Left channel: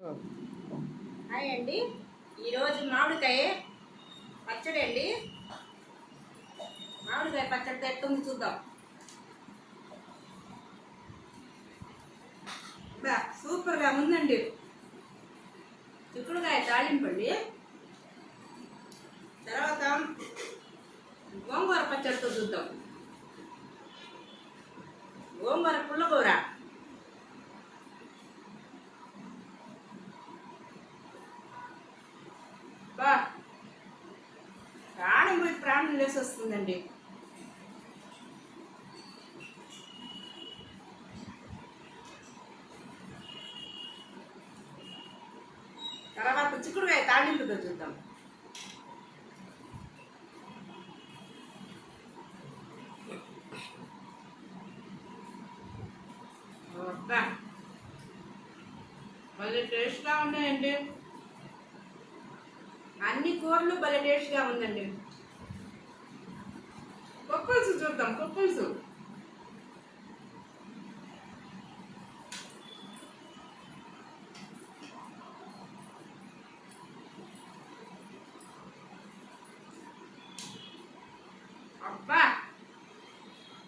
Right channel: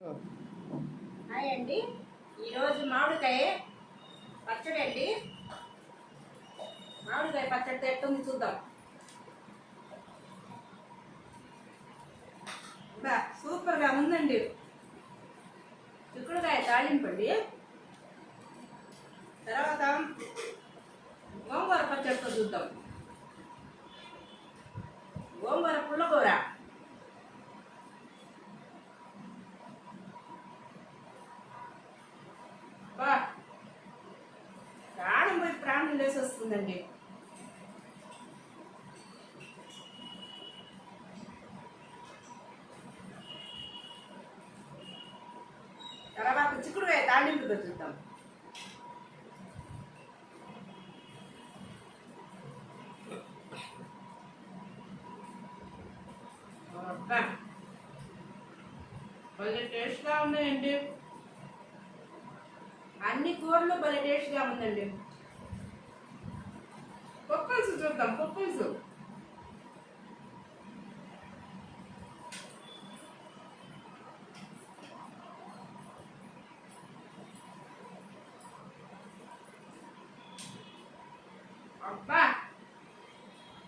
Hi అండి. ఈరోజు మామిడికాయ పచ్చడి అండి. మామిడికాయ పచ్చడి ఎట్టుంది చూద్దాం. సూపర్గా ఉందండి. చిక్కుడుకాయ తాలింపు అండి. తర్వాత గోంగూర పచ్చడితో చూద్దాం. గోంగూర పుల్లకూర, ప్రాణం పోయి ప్రాణం లేసి వస్తుందండి. తర్వాత చిక్కుడుకాయ తాలింపుతో చూద్దాం. భలే టేస్ట్గా ఉన్నాయండి. అన్ని కూరలు భలే టేస్ట్గా ఉందండి. పప్పులుసు చూద్దాం. పప్పులుసు అబ్బా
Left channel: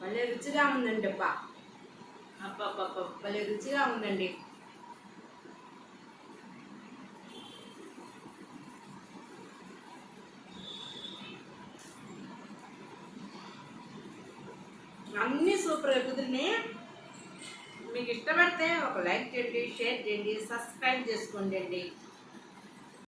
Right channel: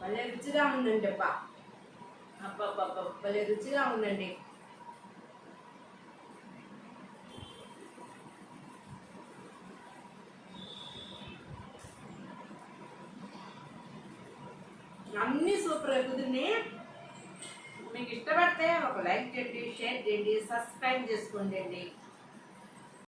భలే రుచిగా ఉందండి. అబ్బా భలే రుచిగా ఉందండి. అన్నీ సూపర్గా కుదిరినాయి. మీకు ఇష్టపడితే ఒక లైక్ చేయండి, షేర్ చేయండి, సబ్స్క్రైబ్ చేసుకోండి అండి.